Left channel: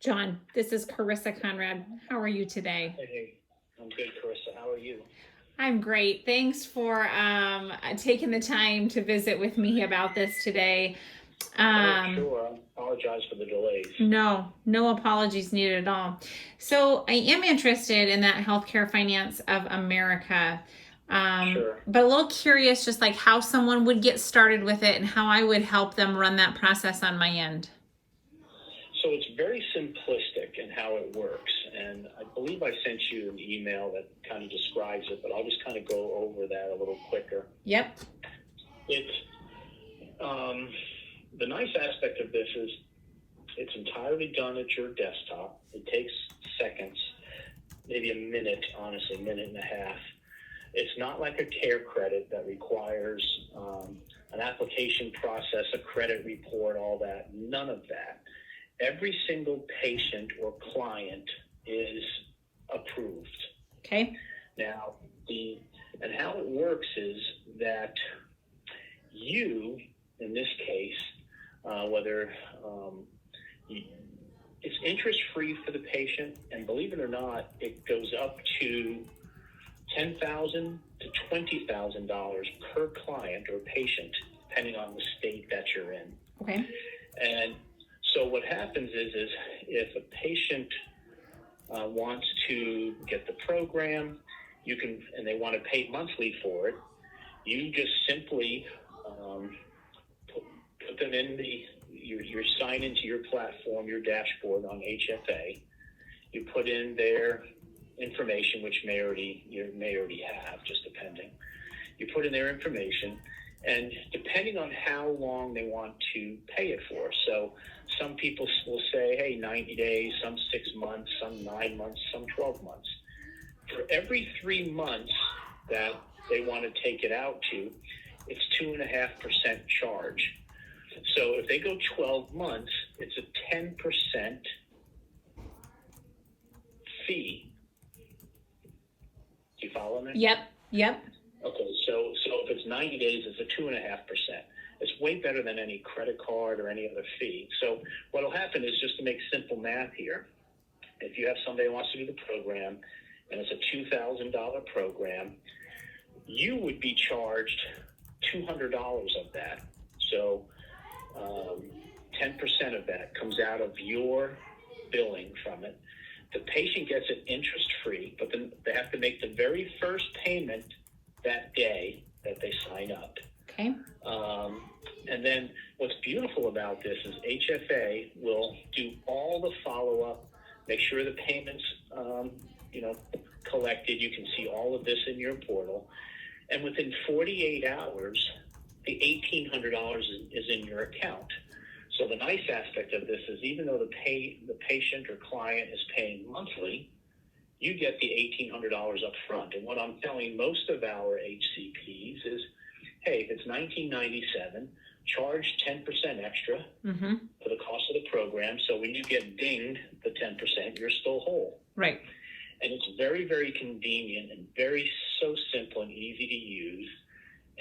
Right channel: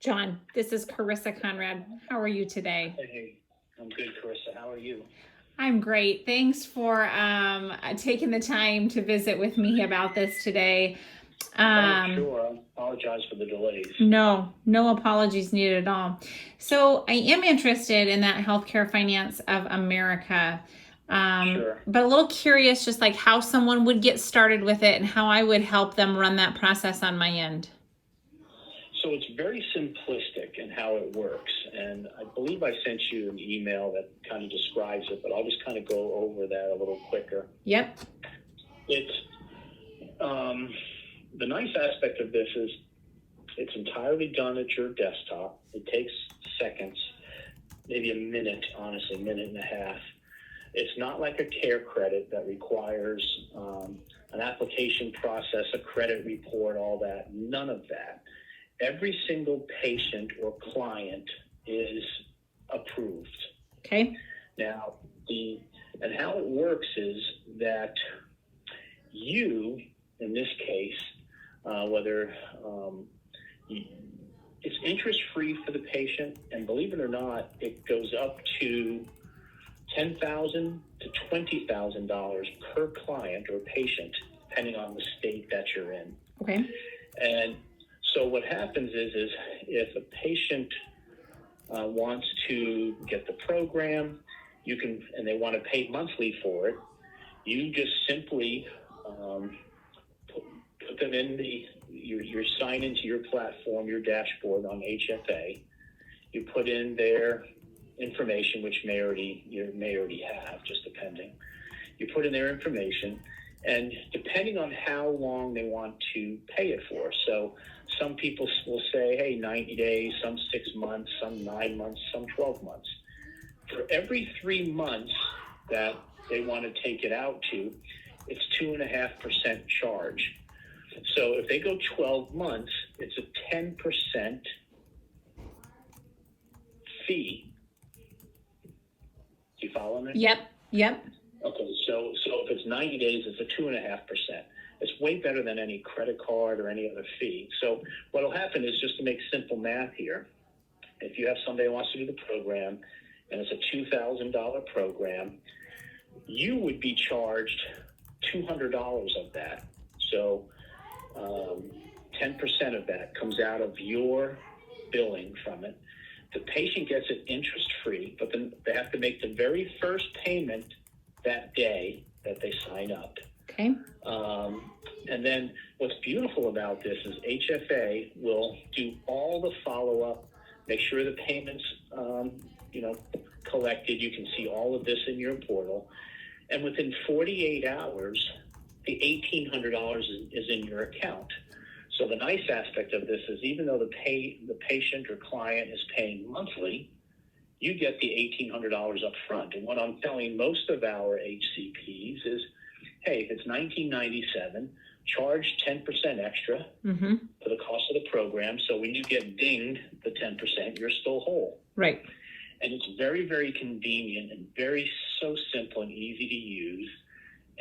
John, this is Carissa Conrad. How are you today? Hey, I'm good, Carissa. How are you? I'm great. Thanks for taking the time to visit with me about this today. Sure. I apologize for the delays. No apologies needed at all. So I am interested in that healthcare finance of America, Sure. but a little curious just like how someone would get started with it and how I would help them run that process on my end. So it's very simplistic in how it works, and I believe I sent you an email that kind of describes it, but I'll just kind of go over that a little quicker. Yep. It's the nice aspect of this is it's entirely done at your desktop. It takes seconds, maybe a minute, honestly, minute and a half. It's not like a care credit that requires an application process, a credit report, all that. None of that. Every single patient or client is approved. Okay. Now, and how it works is that you, in this case, whether it's interest-free for the patient, and believe it or not, it goes up to $10,000 to $20,000 per client or patient, depending on the state that you're in. Okay. And so what happens is if a patient wants to get the program, you can, and they want to pay monthly for it, you just simply put them in you sign into your platform, your dashboard on HFA. You put in their information, which you may already have, just depending. You put in their information, and depending on how long they want to pay it for. So some people will say, hey, 90 days, some 6 months, some 9 months, some 12 months. For every 3 months that they want to take it out to, it's 2.5% charge. So if they go 12 months, it's a 10% fee. Do you follow me? Yep. Okay, so if it's 90 days, it's a 2.5%. It's way better than any credit card or any other fee. So what will happen is, just to make simple math here, if you have somebody who wants to do the program and it's a $2,000 program, you would be charged $200 of that. So 10% of that comes out of your billing from it. The patient gets it interest-free, but then they have to make the very first payment that day that they sign up. Okay. And then what's beautiful about this is HFA will do all the follow-up, make sure the payments, collected. You can see all of this in your portal. And within 48 hours, the $1,800 is in your account. So the nice aspect of this is, even though the patient or client is paying monthly, you get the $1,800 up front. And what I'm telling most of our HCPs is, hey, if it's $19.97, charge 10% extra for the cost of the program. So when you get dinged the 10%, you're still whole. Right. And it's very, very convenient and so simple and easy to use.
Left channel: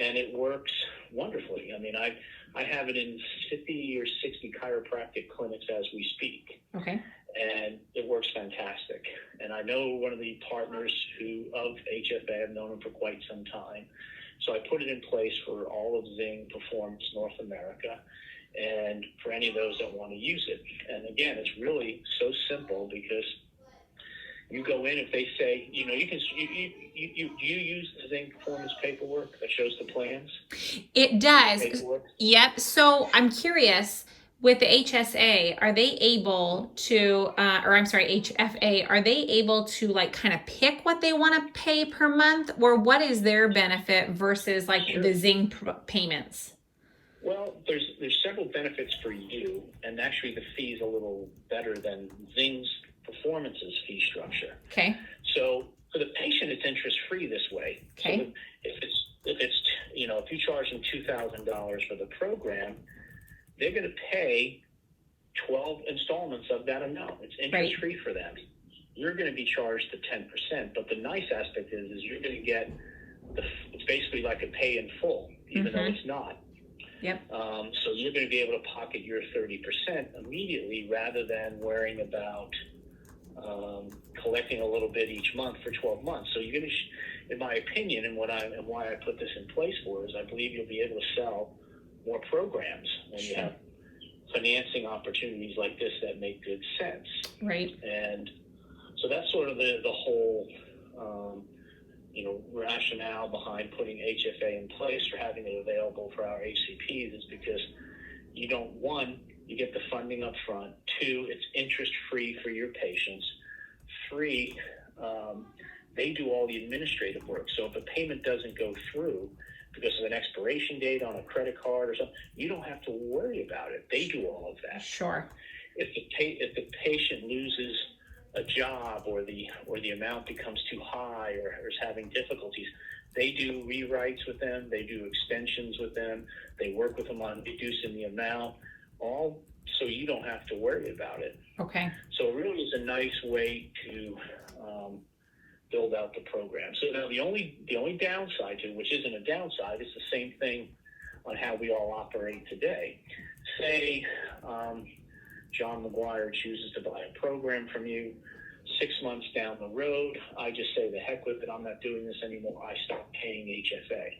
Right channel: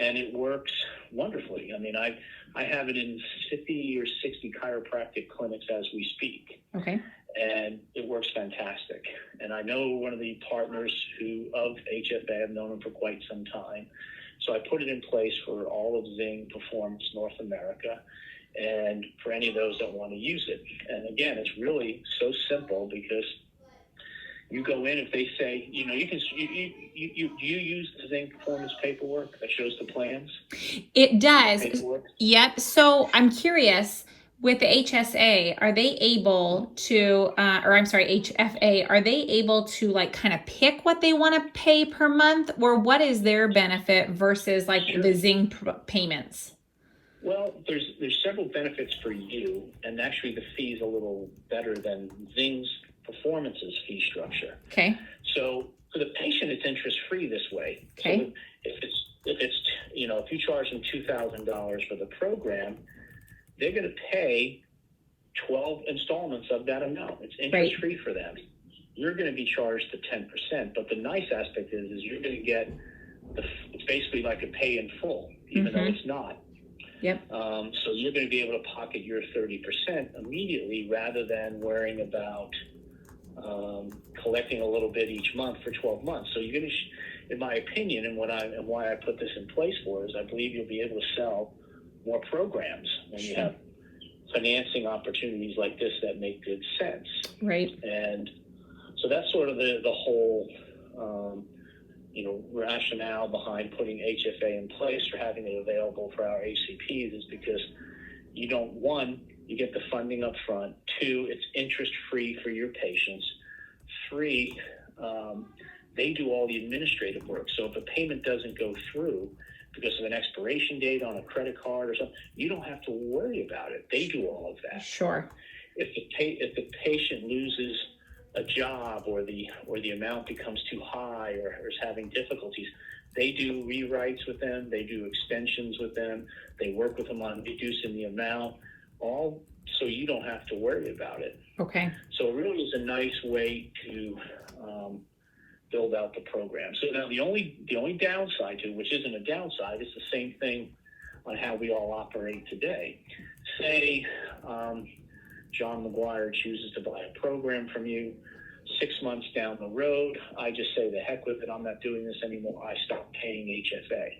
And it works wonderfully. I mean, I have it in 50 or 60 chiropractic clinics as we speak. Okay. And it works fantastic. And I know one of the partners of HFA. I've known him for quite some time. So I put it in place for all of Zing Performance North America, and for any of those that want to use it. And again, it's really so simple, because you go in, if they say, you use the Zing Performance paperwork that shows the plans? It does. Yep. So I'm curious, with the HSA, are they able to, HFA, are they able to like kind of pick what they want to pay per month, or what is their benefit versus like the Zing payments? Well, there's several benefits for you, and actually the fee is a little better than Zing's Performance's fee structure. Okay. So for the patient, it's interest-free this way. Okay. So if you charge them $2,000 for the program, they're going to pay 12 installments of that amount. It's interest-free for them. You're going to be charged the 10%, but the nice aspect is you're going to get it's basically like a pay in full, even though it's not. Yep. So you're going to be able to pocket your 30% immediately rather than worrying about collecting a little bit each month for 12 months. So you're going to, in my opinion, and why I put this in place for is I believe you'll be able to sell more programs when you have financing opportunities like this that make good sense. Right. And so that's sort of the whole, rationale behind putting HFA in place or having it available for our ACPs is because you don't, one, you get the funding up front. Two, it's interest-free for your patients. Three, they do all the administrative work. So if a payment doesn't go through because of an expiration date on a credit card or something, you don't have to worry about it. They do all of that. Sure. If the patient loses a job or the amount becomes too high or is having difficulties, they do rewrites with them, they do extensions with them, they work with them on reducing the amount, all so you don't have to worry about it. Okay. So it really is a nice way to build out the program. So now the only downside to it, which isn't a downside, it's the same thing on how we all operate today. Say John Mcquire chooses to buy a program from you. 6 months down the road, I just say, the heck with it, I'm not doing this anymore. I stop paying HFA.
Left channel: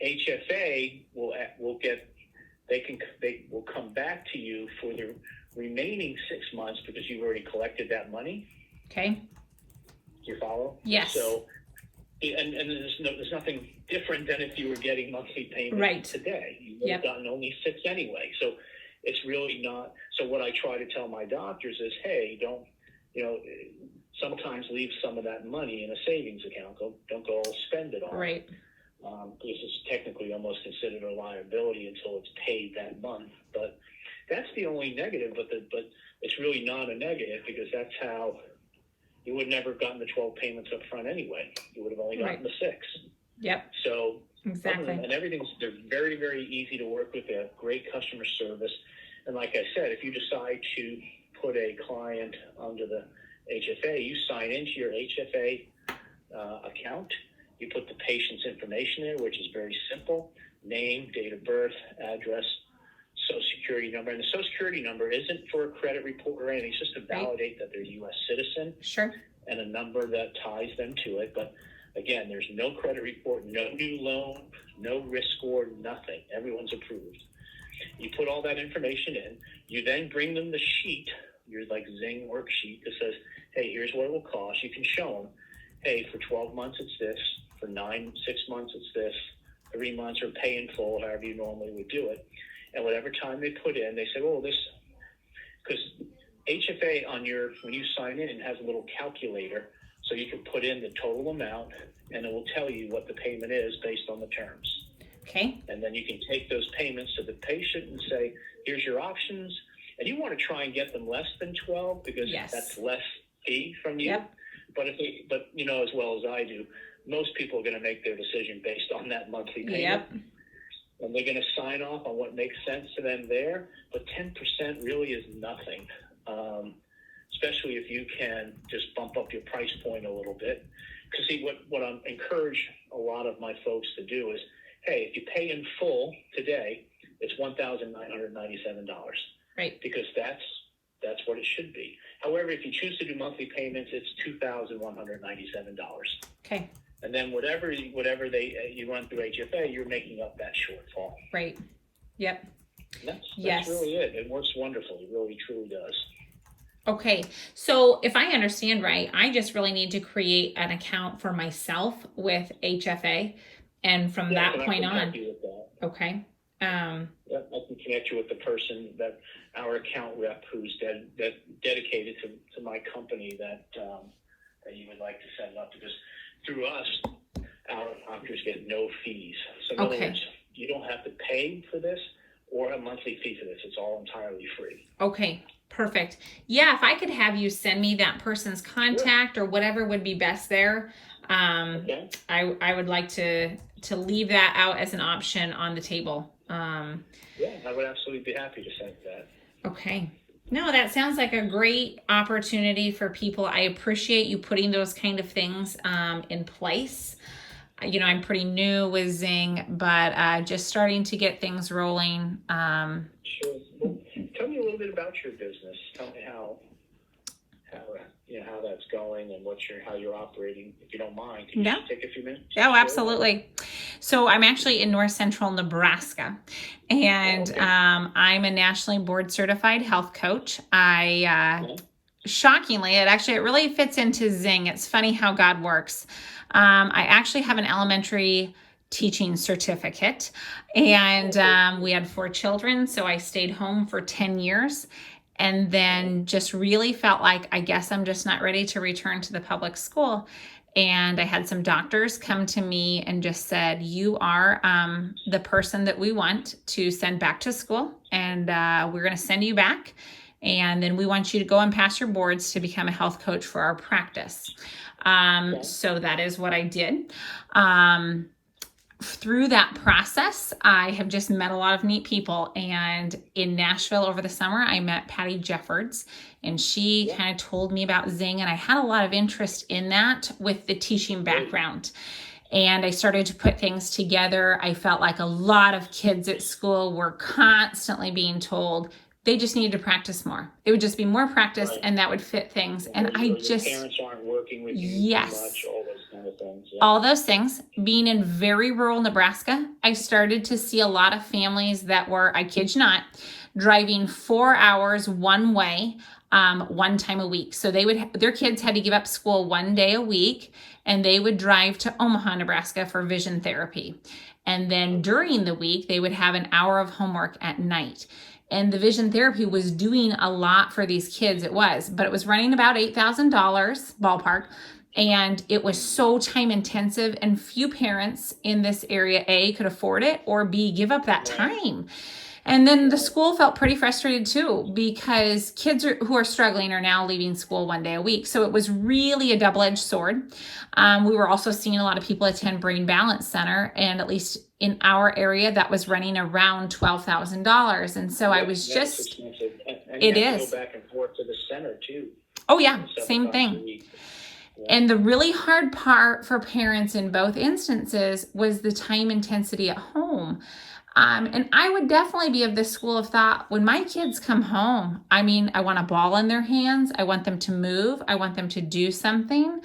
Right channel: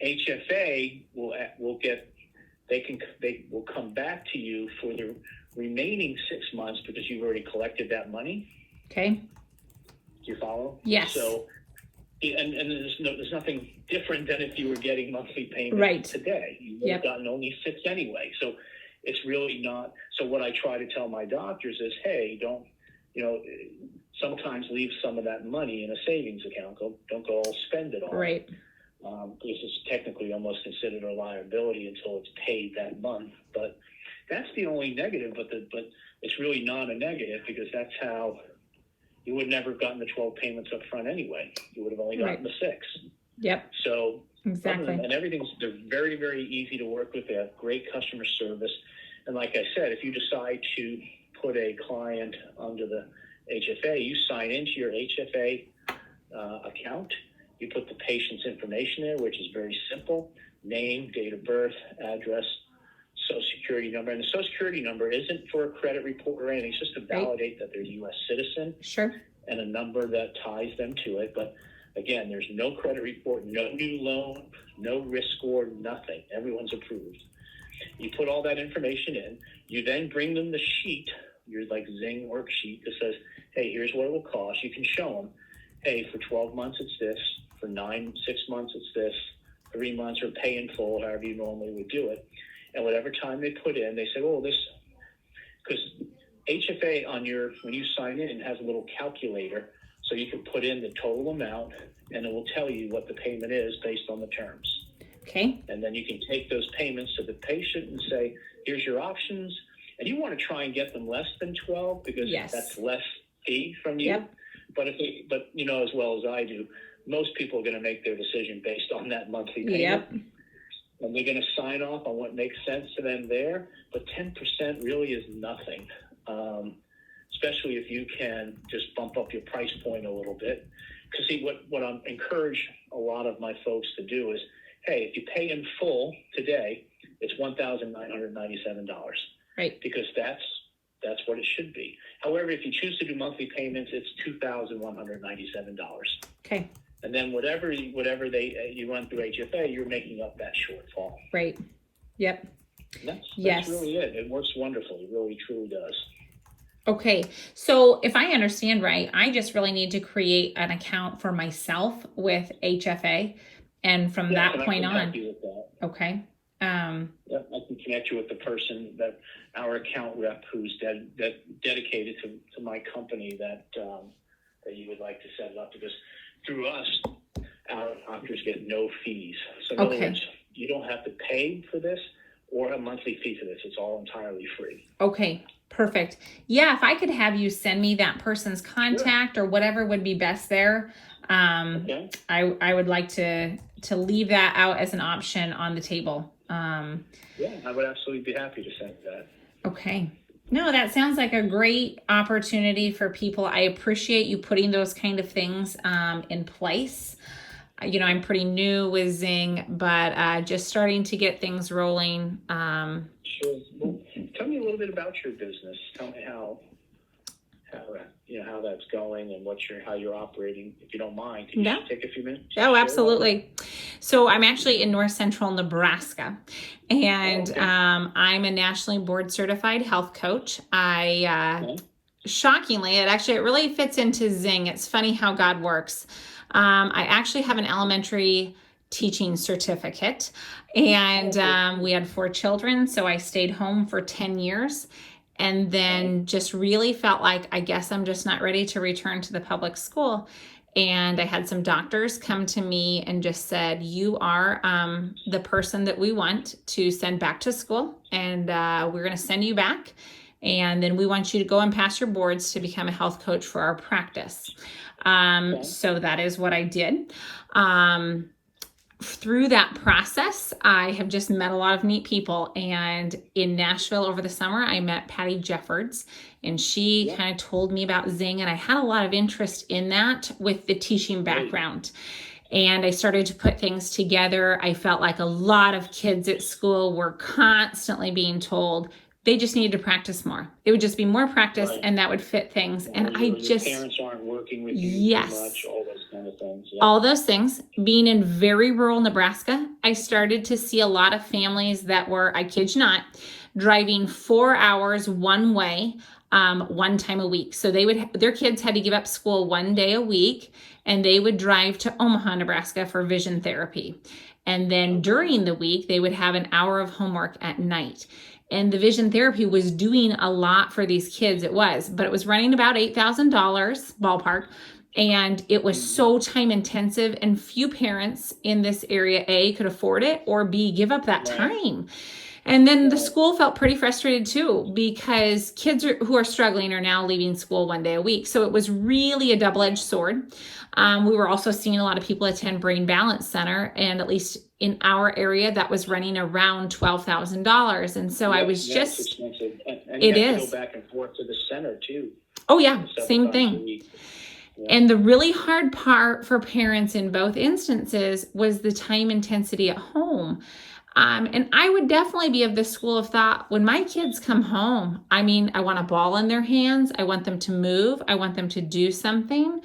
HFA they will come back to you for the remaining 6 months because you've already collected that money. Okay. Do you follow? Yes. So, and there's nothing different than if you were getting monthly payments right. today. You would have gotten only 6 anyway. So it's really not. So what I try to tell my doctors is, hey, don't, sometimes leave some of that money in a savings account. Don't go all spend it all. Right. This is technically almost considered a liability until it's paid that month. But that's the only negative. But it's really not a negative because that's how you would never have gotten the 12 payments up front anyway. You would have only gotten the 6. Yep. So exactly. And they're very, very easy to work with. They have great customer service. And like I said, if you decide to put a client under the HFA, you sign into your HFA account. You put the patient's information there, which is very simple: name, date of birth, address, social security number. And the social security number isn't for a credit report or anything. It's just to validate that they're a U.S. citizen. Sure. And a number that ties them to it. But again, there's no credit report, no new loan, no risk score, nothing. Everyone's approved. You put all that information in. You then bring them the sheet, your like Zing worksheet that says, hey, here's what it will cost. You can show them, hey, for 12 months it's this, for 6 months it's this, 3 months, or pay in full, however you normally would do it. And whatever time they put in, they say, oh, this, because HFA when you sign in, has a little calculator, so you can put in the total amount, and it will tell you what the payment is based on the terms. Okay. And then you can take those payments to the patient and say, here's your options. And you want to try and get them less than 12 because that's less fee from you. Yep. But as well as I do, most people are going to make their decision based on that monthly payment. Yep. And they're going to sign off on what makes sense to them there. But 10% really is nothing, especially if you can just bump up your price point a little bit. Because see, what I encourage a lot of my folks to do is, hey, if you pay in full today, it's $1,997. Right. Because that's what it should be. However, if you choose to do monthly payments, it's $2,197. Okay. And then whatever you run through HFA, you're making up that shortfall. Right. Yep. That's really it. It works wonderfully. It really, truly does. Okay. So if I understand right, I just really need to create an account for myself with HFA. And from that point on. Okay. I can connect you with the person that our account rep who's dedicated to my company that you would like to set up, because through us, our doctors get no fees. So in other words, you don't have to pay for this or a monthly fee for this. It's all entirely free. Okay. Perfect. Yeah. If I could have you send me that person's contact or whatever would be best there. I would like to leave that out as an option on the table. I would absolutely be happy to send that. Okay. No, that sounds like a great opportunity for people. I appreciate you putting those kind of things in place. I'm pretty new with Zing, but just starting to get things rolling. Sure. Well, tell me a little bit about your business. Tell me how that's going and how you're operating. If you don't mind, can you Yeah. just take a few minutes? Oh, absolutely. So I'm actually in north central Nebraska, and Okay. I'm a nationally board certified health coach. Shockingly, it really fits into Zing. It's funny how God works. I actually have an elementary teaching certificate, and we had 4 children, so I stayed home for 10 years. And then just really felt like, I guess I'm just not ready to return to the public school. And I had some doctors come to me and just said, you are the person that we want to send back to school. And we're going to send you back. And then we want you to go and pass your boards to become a health coach for our practice. So that is what I did. Through that process, I have just met a lot of neat people. And in Nashville over the summer, I met Patty Jeffords, and she kind of told me about Zing, and I had a lot of interest in that with the teaching background. And I started to put things together. I felt like a lot of kids at school were constantly being told they just needed to practice more. It would just be more practice, right, and that would fit things. And I just, parents aren't working with you yes, much, all those kind of things. Yeah. All those things. Being in very rural Nebraska, I started to see a lot of families that were, I kid you not, driving 4 hours one way, one time a week. So their kids had to give up school one day a week, and they would drive to Omaha, Nebraska for vision therapy. And then during the week, they would have an hour of homework at night. And the vision therapy was doing a lot for these kids. But it was running about $8,000 ballpark. And it was so time intensive, and few parents in this area, A, could afford it, or B, give up that time. And then the school felt pretty frustrated too, because kids who are struggling are now leaving school one day a week. So it was really a double-edged sword. We were also seeing a lot of people attend Brain Balance Center, and at least in our area, that was running around $12,000. And so I was just, it is. Go back and forth to the center too. Oh yeah, same thing. And the really hard part for parents in both instances was the time intensity at home. And I would definitely be of the school of thought, when my kids come home, I want a ball in their hands. I want them to move. I want them to do something.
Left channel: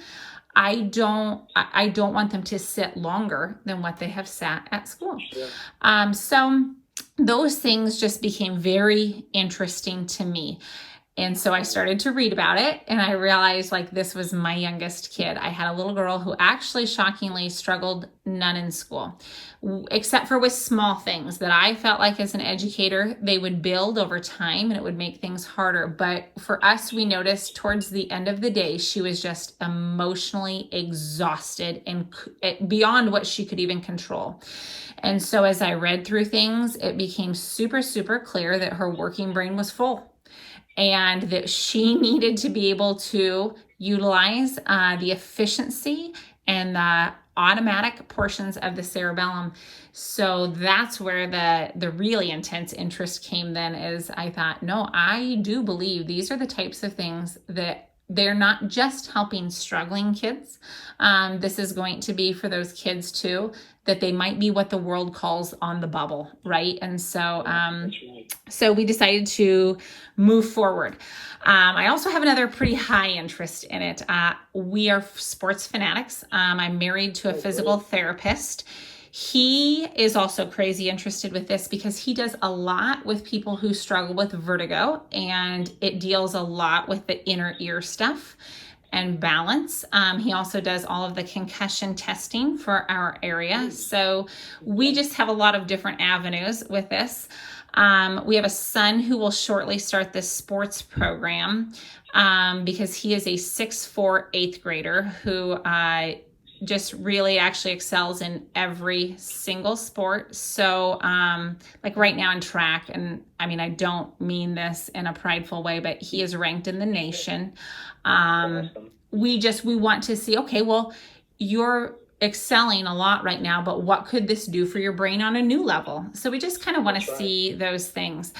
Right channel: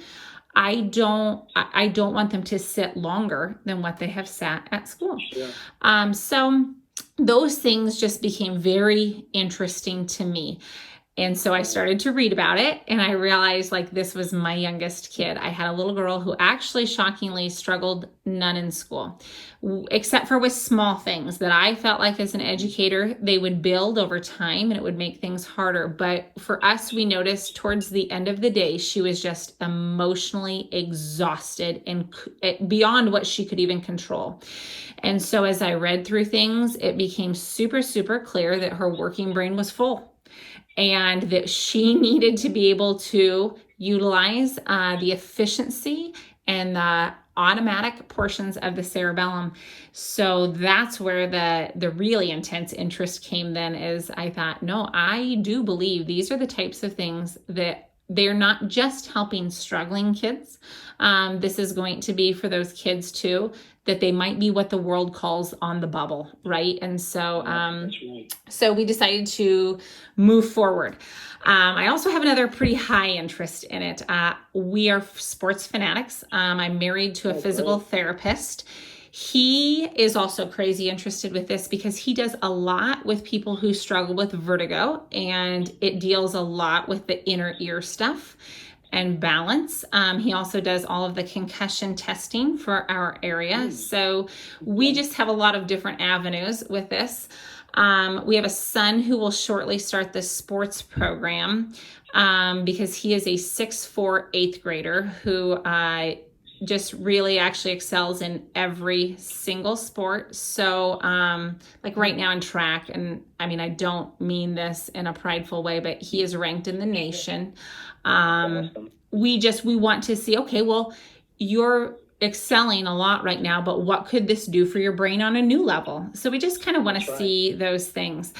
I don't want them to sit longer than what they have sat at school. Sure. So those things just became very interesting to me. And so I started to read about it, and I realized this was my youngest kid. I had a little girl who actually shockingly struggled none in school, except for with small things that I felt like as an educator, they would build over time and it would make things harder. But for us, we noticed towards the end of the day, she was just emotionally exhausted and beyond what she could even control. And so as I read through things, it became super, super clear that her working brain was full, and that she needed to be able to utilize the efficiency and the automatic portions of the cerebellum. So that's where the really intense interest came then, is I thought, no, I do believe these are the types of things that they're not just helping struggling kids. This is going to be for those kids too, that they might be what the world calls on the bubble, right? And so, so we decided to move forward. I also have another pretty high interest in it. We are sports fanatics. I'm married to a physical therapist. He is also crazy interested with this because he does a lot with people who struggle with vertigo, and it deals a lot with the inner ear stuff and balance. He also does all of the concussion testing for our area. So we just have a lot of different avenues with this. We have a son who will shortly start this sports program because he is a 6'4" 8th grader who just really actually excels in every single sport. So right now in track, and I don't mean this in a prideful way, but he is ranked in the nation. We want to see, okay, well, you're excelling a lot right now, but what could this do for your brain on a new level? So we just kind of want to see those things.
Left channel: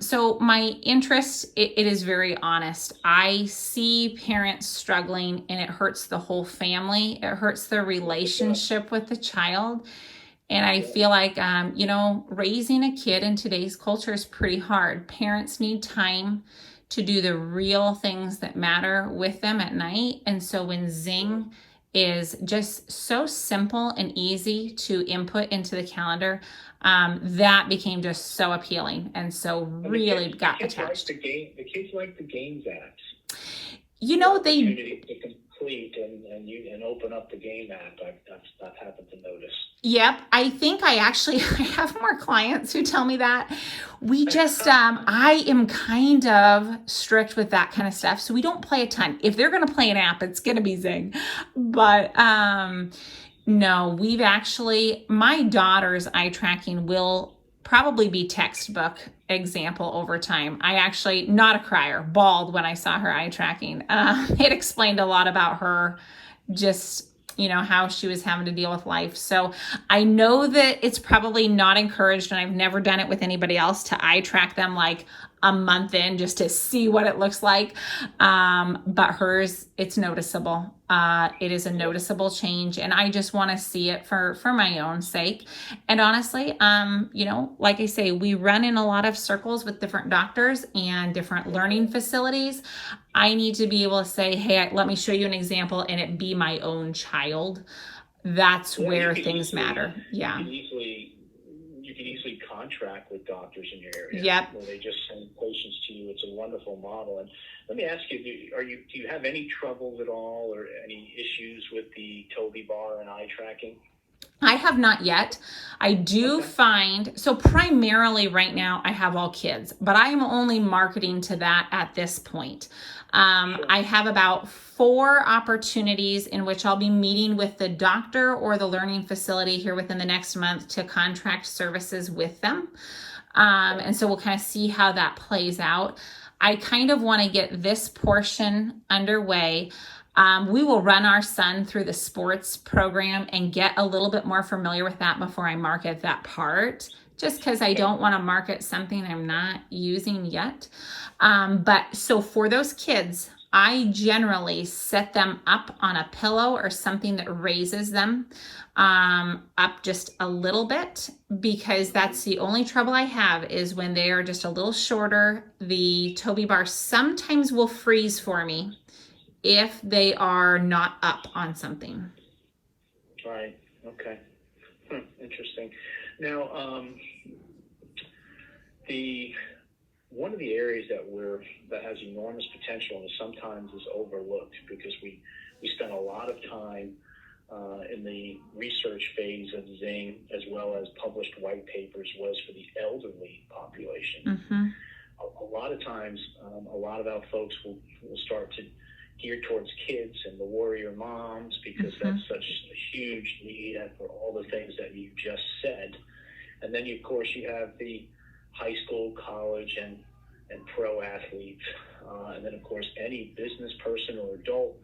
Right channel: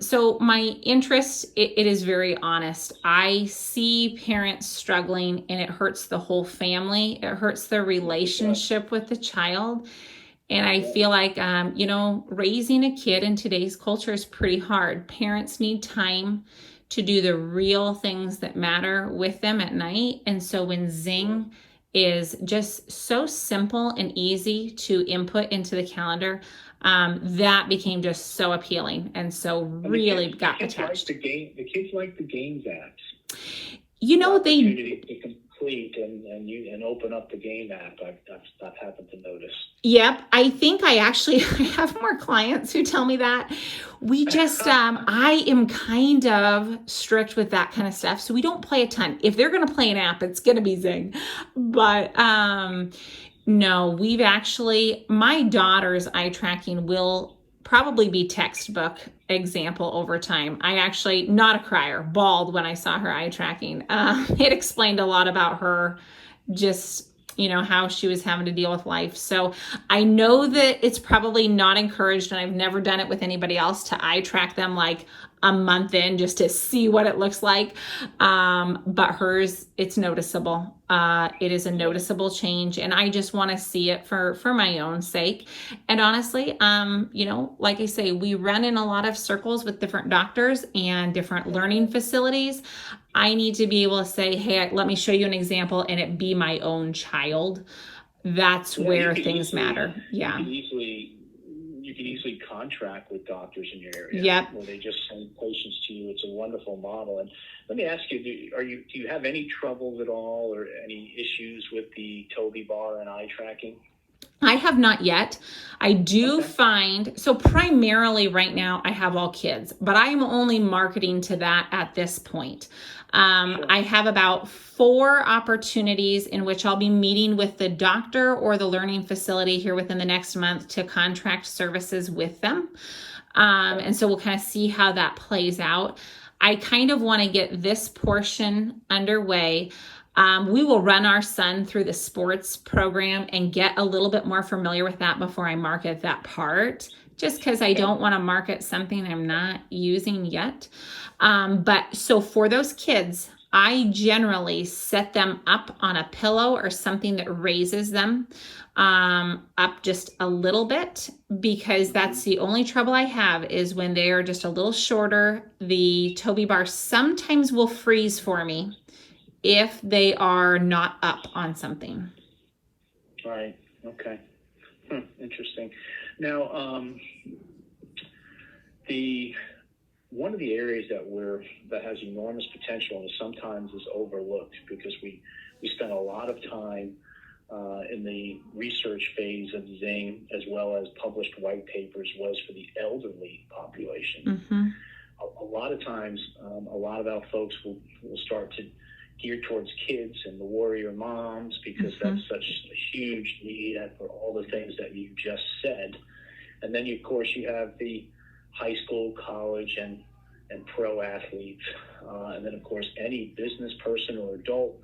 So my interest, it is very honest. I see parents struggling, and it hurts the whole family. It hurts their relationship with the child. And I feel like, raising a kid in today's culture is pretty hard. Parents need time to do the real things that matter with them at night. And so when Zing is just so simple and easy to input into the calendar, that became just so appealing. And so really got attached. The kids like the games apps. They complete and open up the game app. I've happened to notice. Yep. I think I have more clients who tell me that. We just, I am kind of strict with that kind of stuff. So we don't play a ton. If they're going to play an app, it's going to be Zing. But, no, my daughter's eye tracking will probably be textbook example over time. I actually, not a crier, bawled when I saw her eye tracking. It explained a lot about her, just, how she was having to deal with life. So I know that it's probably not encouraged, and I've never done it with anybody else, to eye track them like a month in just to see what it looks like. But hers, it's noticeable. It is a noticeable change, and I just want to see it for my own sake. And honestly, like I say, we run in a lot of circles with different doctors and different learning facilities. I need to be able to say, hey, let me show you an example, and it be my own child. That's where things matter. Yeah. You can easily contract with doctors in your area. Yep. Where they just send patients to you. It's a wonderful model. And let me ask you, do you have any trouble at all, or any issues with the Toby bar and eye tracking? I have not yet. I do find, so primarily right now I have all kids, but I am only marketing to that at this point. I have about 4 opportunities in which I'll be meeting with the doctor or the learning facility here within the next month to contract services with them. And so we'll kind of see how that plays out. I kind of want to get this portion underway. We will run our son through the sports program and get a little bit more familiar with that before I market that part, just because I don't want to market something I'm not using yet. But so for those kids, I generally set them up on a pillow or something that raises them up just a little bit, because that's the only trouble I have is when they are just a little shorter. The Toby bar sometimes will freeze for me if they are not up on something. Right. Okay. Interesting. Now, one of the areas that has enormous potential and sometimes is overlooked, because we spend a lot of time in the research phase of Zing, as well as published white papers, was for the elderly population. Mm-hmm. A lot of times, a lot of our folks will start to geared towards kids and the warrior moms, because that's such a huge need for all the things that you just said. And then, of course, you have the high school, college, and pro athletes. And then, of course, any business person or adult.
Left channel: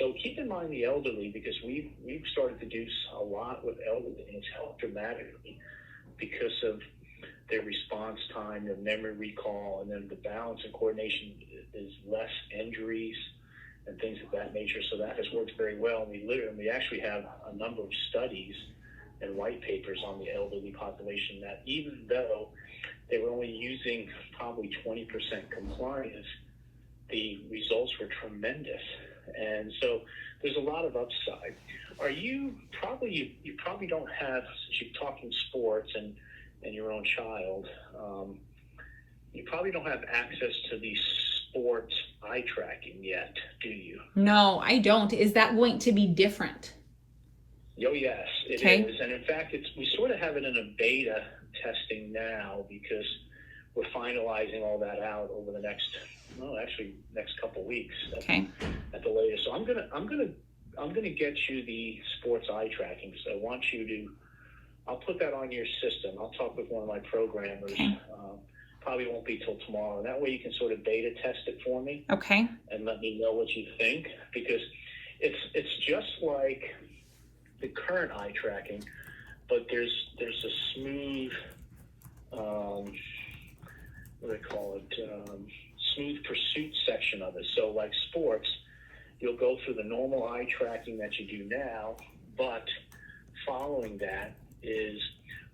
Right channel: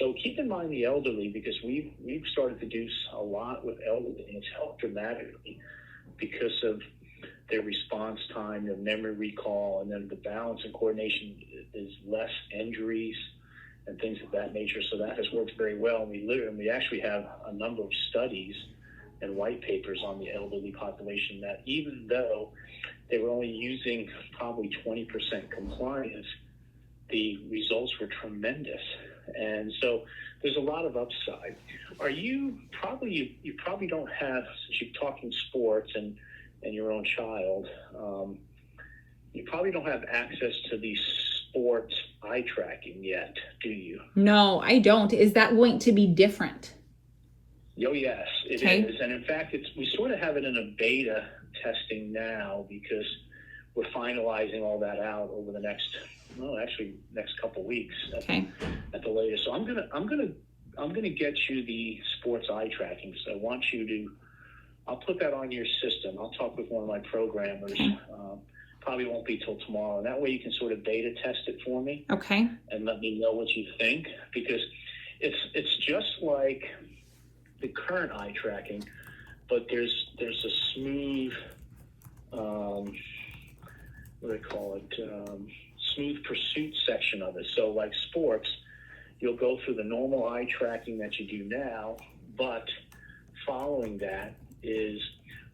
So keep in mind the elderly, because we've started to do a lot with elderly, and it's helped dramatically because of their response time, their memory recall, and then the balance and coordination is less injuries and things of that nature. So that has worked very well. And we actually have a number of studies and white papers on the elderly population that, even though they were only using probably 20% compliance, the results were tremendous. And so there's a lot of upside. You probably don't have, since you're talking sports and your own child, you probably don't have access to the sports eye tracking yet, do you? No, I don't. Is that going to be different? Oh, yes, it is. And in fact, we sort of have it in a beta testing now, because we're finalizing all that out over the next couple of weeks at the latest. So I'm gonna get you the sports eye tracking. So I want you to. I'll put that on your system. I'll talk with one of my programmers. Probably won't be till tomorrow. That way you can sort of beta test it for me. Okay. And let me know what you think, because it's just like the current eye tracking, but there's a smooth, what do they call it, smooth pursuit section of it. So like sports, you'll go through the normal eye tracking that you do now, but following that is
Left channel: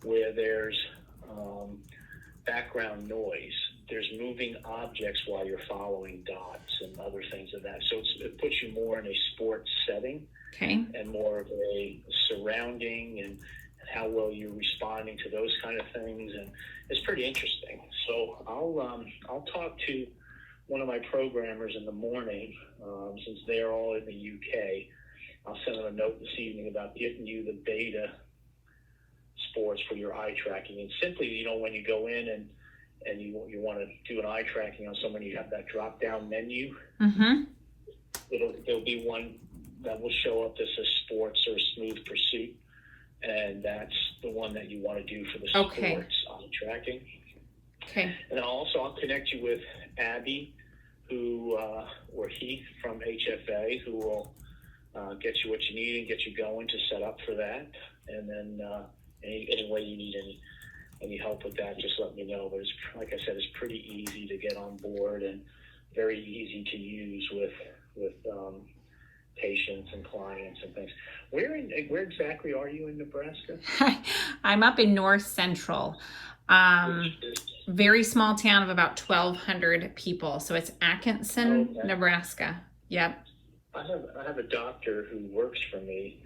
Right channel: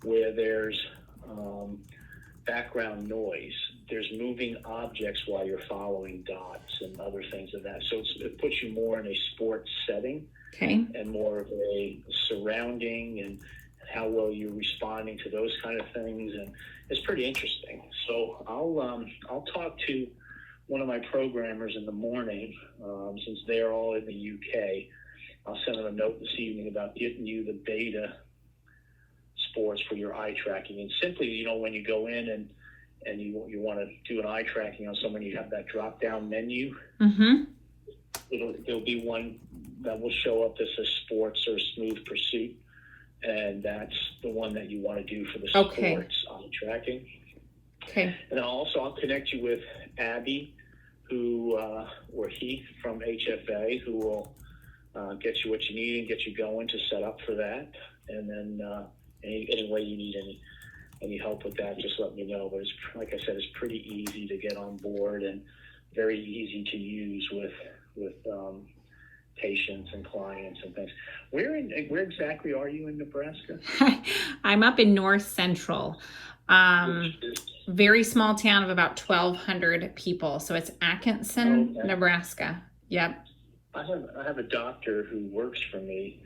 where there's background noise. There's moving objects while you're following dots and other things of that. So it puts you more in a sports setting, Okay. and more of a surrounding and how well you're responding to those kind of things. And it's pretty interesting. So I'll talk to one of my programmers in the morning, since they're all in the UK. I'll send them a note this evening about getting you the beta sports for your eye tracking. And simply, when you go in and you want to do an eye tracking on someone, you have that drop down menu. Mm-hmm. There'll be one that will show up that says sports or smooth pursuit, and that's the one that you want to do for the sports eye tracking. Okay. And I'll connect you with Abby, or Heath from HFA, who will get you what you need and get you going to set up for that. And then any way you need any help with that, just let me know. But it's, like I said, it's pretty easy to get on board and very easy to use with patients and clients and things. Where exactly are you in Nebraska? I'm up in North Central. Very small town of about 1,200 people. So it's Atkinson, Okay. Nebraska. Yep. I have a doctor who works for me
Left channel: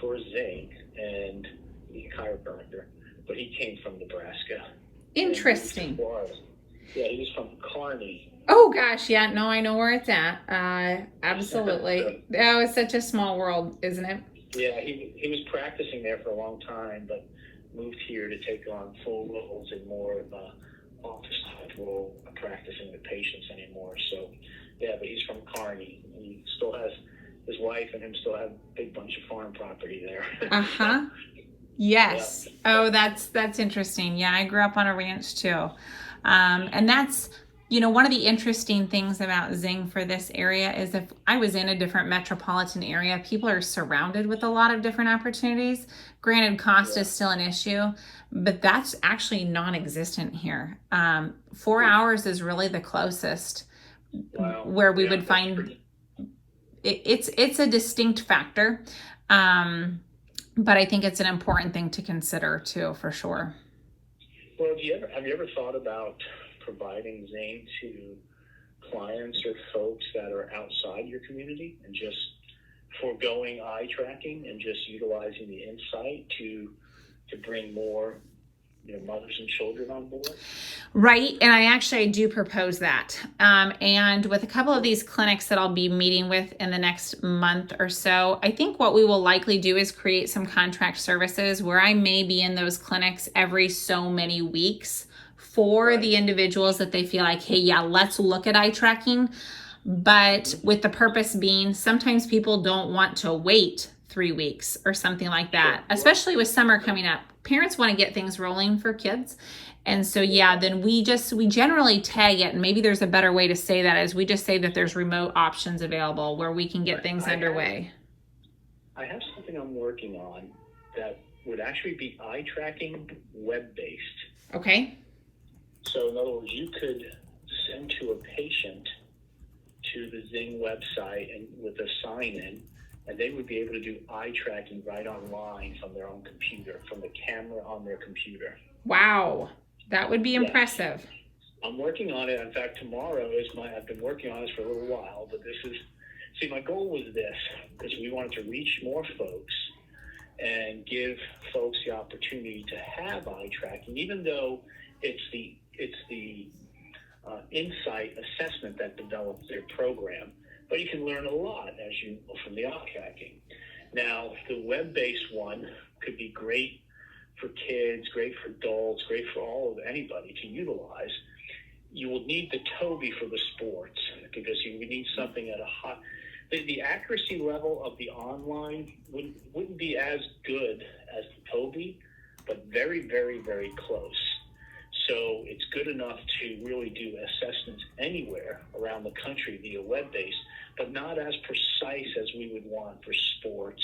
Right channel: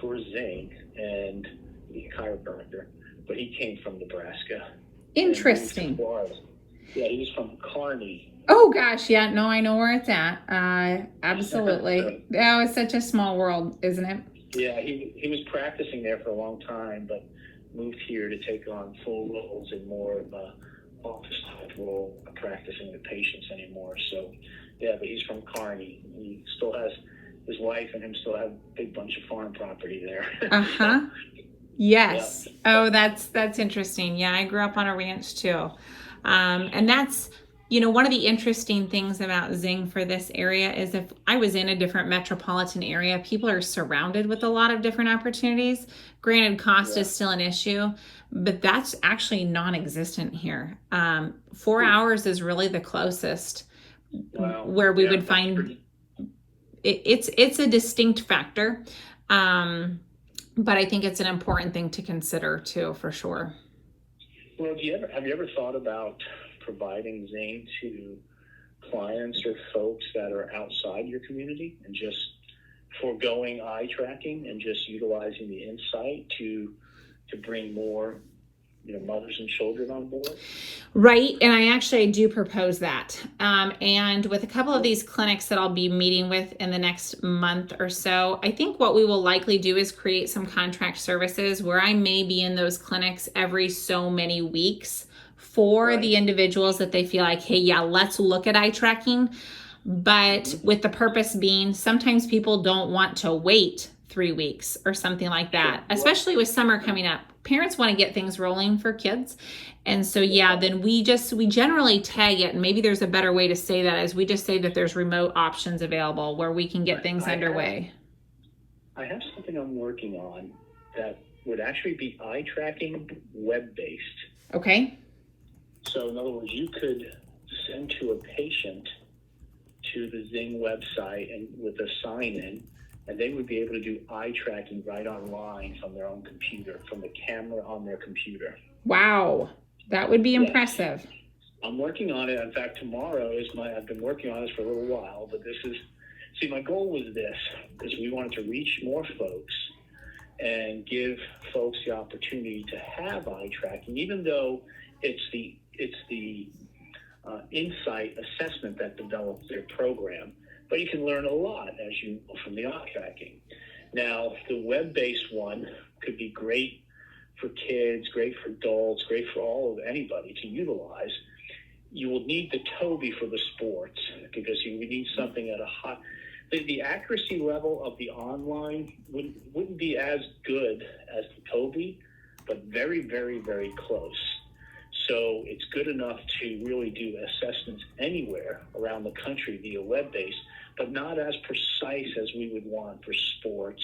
for Zing, and he's a chiropractor, but he came from Nebraska. Interesting. Yeah, he was from Kearney. Oh gosh, yeah, no, I know where it's at. Absolutely. Oh, it's such a small world, isn't it? Yeah, he was practicing there for a long time, but moved here to take on full roles in more of a office type role, practicing with patients anymore. So yeah, but he's from Kearney. He still has his wife and him still have a big bunch of farm property there. Uh-huh. Yes. Yeah. Oh, that's interesting. Yeah, I grew up on a ranch too. And that's, one of the interesting things about Zing for this area is if I was in a different metropolitan area, people are surrounded with a lot of different opportunities. Granted, cost is still an issue, but that's actually non-existent here. 4 hours is really the closest where we would find it's a distinct factor. But I think it's an important thing to consider too, for sure. Well, have you ever thought about providing Zing to clients or folks that are outside your community and just foregoing eye tracking and just utilizing the insight to bring more mothers and children on board? Right, and I do propose that. And with a couple of these clinics that I'll be meeting with in the next month or so, I think what we will likely do is create some contract services where I may be in those clinics every so many weeks for the individuals that they feel like, hey, yeah, let's look at eye tracking. But with the purpose being, sometimes people don't want to wait 3 weeks or something like that, especially with summer coming up. Parents want to get things rolling for kids. And so, yeah, then we generally tag it, and maybe there's a better way to say that, is we just say that there's remote options available where we can get things underway. I have something I'm working on that would actually be eye tracking web-based. Okay. So in other words, you could send to a patient to the Zing website and with a sign-in, and they would be able to do eye tracking right online from their own computer, from the camera on their computer. Wow, that would be impressive. I'm working on it. In fact, tomorrow I've been working on this for a little while, but my goal was this, because we wanted to reach more folks and give folks the opportunity to have eye tracking, even though it's the insight assessment that develops their program. But you can learn a lot from the eye tracking. Now, the web-based one could be great for kids, great for adults, great for anybody to utilize. You will need the Toby for the sports, because you need something at a high. The accuracy level of the online wouldn't be as good as the Toby, but very, very, very close. So it's good enough to really do assessments anywhere around the country via web-based, but not as precise as we would want for sports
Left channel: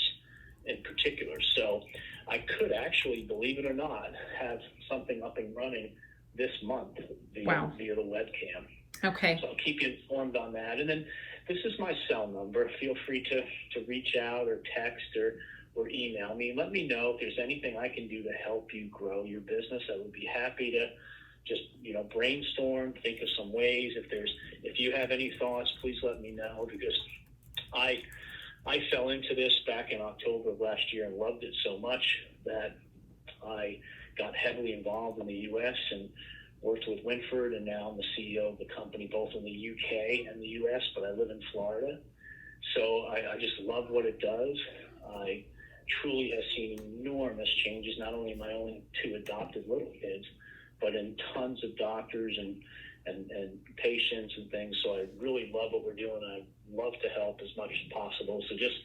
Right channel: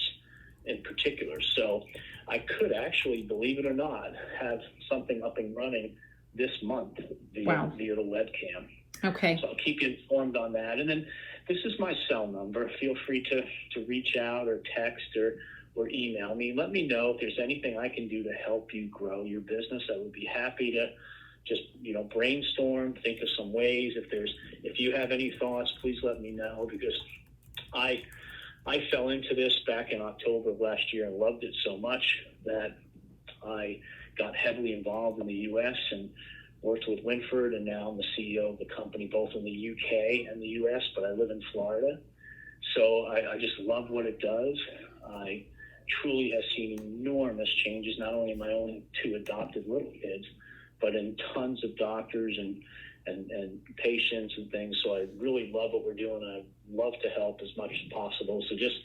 in particular. So I could actually, believe it or not, have something up and running this month via the webcam. Okay. So I'll keep you informed on that. And then this is my cell number. Feel free to reach out or text or email me. Let me know if there's anything I can do to help you grow your business. I would be happy to just, brainstorm, think of some ways. If you have any thoughts, please let me know, because I fell into this back in October of last year and loved it so much that I got heavily involved in the U.S. and worked with Winford, and now I'm the CEO of the company both in the UK and the US, but I live in Florida. So I just love what it does. I truly have seen enormous changes, not only in my own 2 adopted little kids, but in tons of doctors and patients and things. So I really love what we're doing. I love to help as much as possible. So just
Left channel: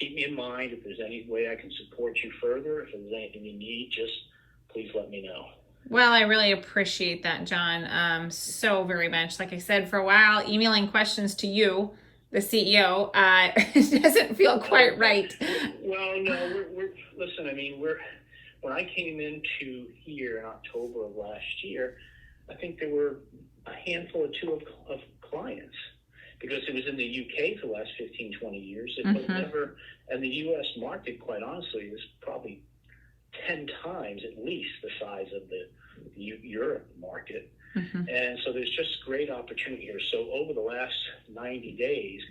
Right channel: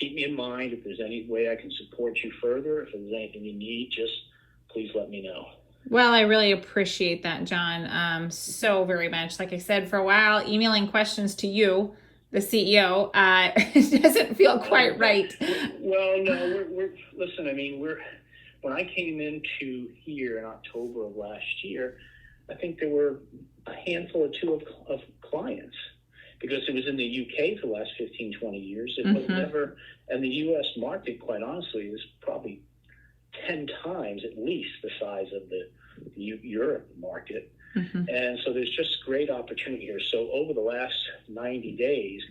keep me in mind. If there's any way I can support you further, if there's anything you need, just please let me know. Well, I really appreciate that, John, so very much. Like I said, for a while, emailing questions to you, the CEO, doesn't feel quite right. Well, no, listen, when I came into here in October of last year, I think there were a handful or 2 of clients, because it was in the UK for the last 15, 20 years. It was never, and the US market, quite honestly, is probably 10 times at least the size of the Europe market. And so there's just great opportunity here. So over the last 90 days,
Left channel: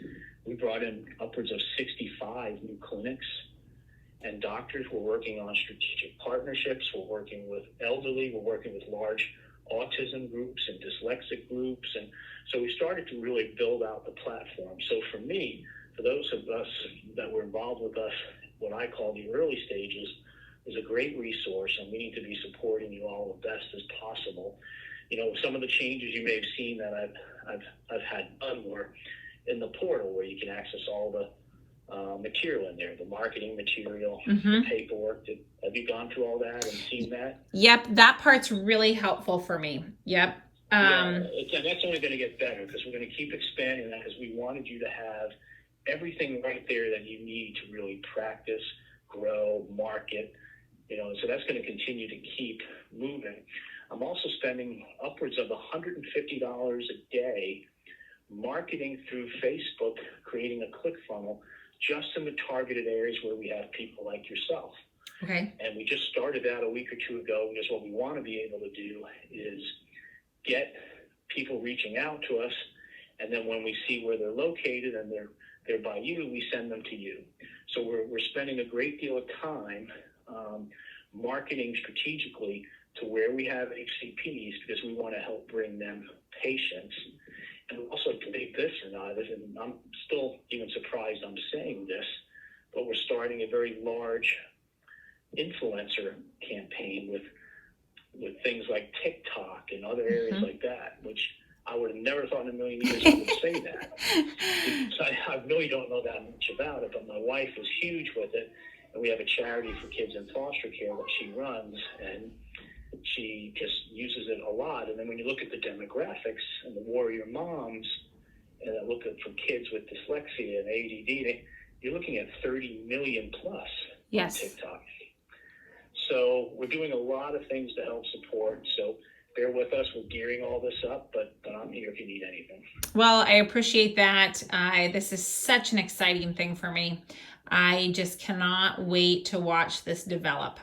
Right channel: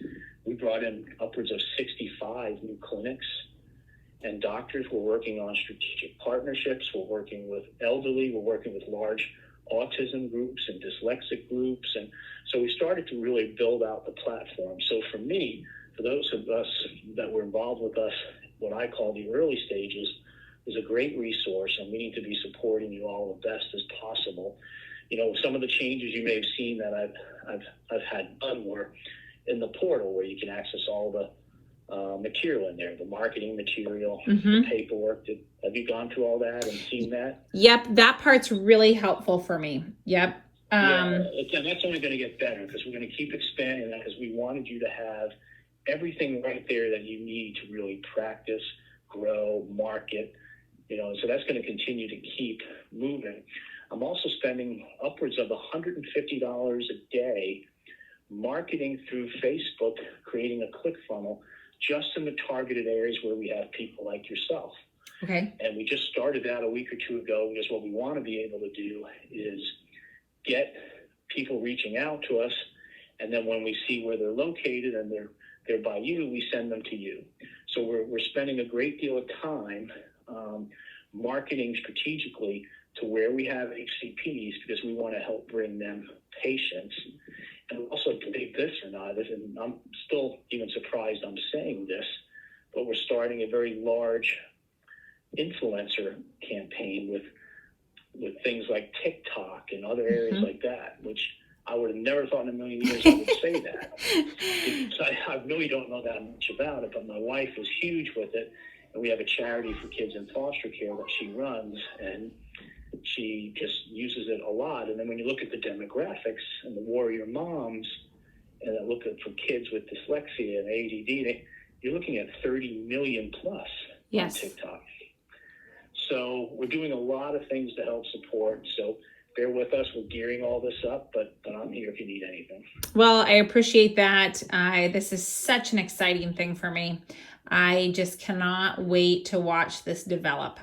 we brought in upwards of 65 new clinics and doctors. We're working on strategic partnerships. We're working with elderly. We're working with large autism groups and dyslexic groups. And so we started to really build out the platform. So for me, for those of us that were involved with us, what I call the early stages, is a great resource, and we need to be supporting you all the best as possible. Some of the changes you may have seen that I've had done were in the portal, where you can access all the material in there, the marketing material, the paperwork. Have you gone through all that and seen that? Yep, that part's really helpful for me. Yep. And that's only going to get better, because we're going to keep expanding that, because we wanted you to have everything right there that you need to really practice, grow, market. So that's going to continue to keep moving. I'm also spending upwards of $150 a day marketing through Facebook, creating a click funnel just in the targeted areas where we have people like yourself. Okay. And we just started that a week or 2 ago, because what we want to be able to do is get people reaching out to us, and then when we see where they're located and they're by you, we send them to you. So we're spending a great deal of time marketing strategically to where we have HCPs, because we want to help bring them patients. And also, believe this or not, and I'm still even surprised I'm saying this, but we're starting a very large influencer campaign with things like TikTok and other areas like that, which I would have never thought in a million years I would say that. I really don't know that much about it, but my wife is huge with it, and we have a charity for kids in foster care that she runs, and she just uses it a lot. And then when you look at the demographics and the warrior moms, and look at for kids with dyslexia and ADD, you're looking at 30 million plus on TikTok. So we're doing a lot of things to help support. So bear with us. We're gearing all this up, but I'm here if you need anything. Well, I appreciate that. This is such an exciting thing for me. I just cannot wait to watch this develop.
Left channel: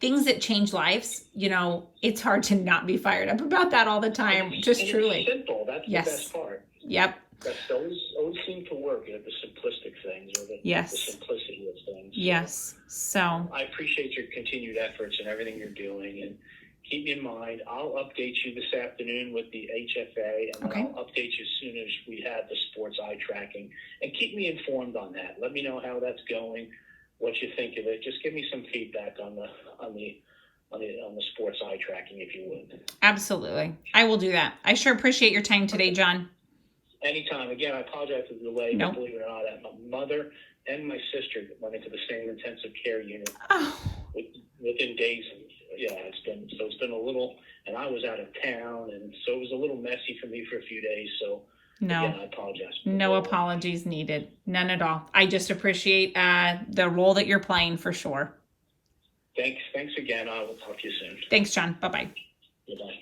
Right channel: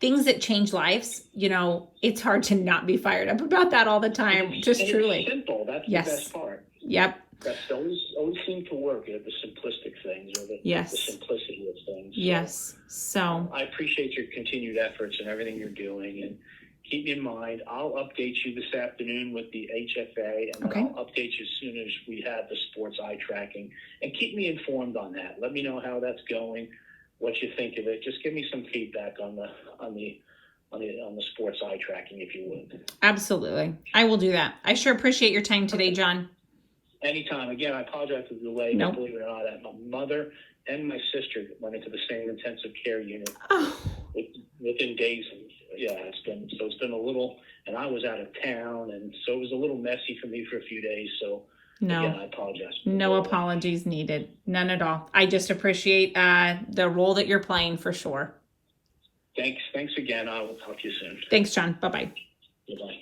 Things that change lives, it's hard to not be fired up about that all the time. Just truly. It's simple. That's the best part. Yep. That's always seem to work, the simplistic things, or the simplicity of things. Yes. So I appreciate your continued efforts and everything you're doing, and keep me in mind. I'll update you this afternoon with the HFA, and I'll update you as soon as we have the sports eye tracking. And keep me informed on that. Let me know how that's going, what you think of it. Just give me some feedback on the sports eye tracking, if you would. Absolutely, I will do that. I sure appreciate your time today, John. Anytime. Again, I apologize for the delay. But believe it or not, my mother and my sister went into the same intensive care unit within days. It's been a little, and I was out of town, and so it was a little messy for me for a few days. So No. Again, I apologize. No apologies needed. None at all. I just appreciate the role that you're playing for sure. Thanks again. I will talk to you soon. Thanks, John. Bye-bye. Bye-bye.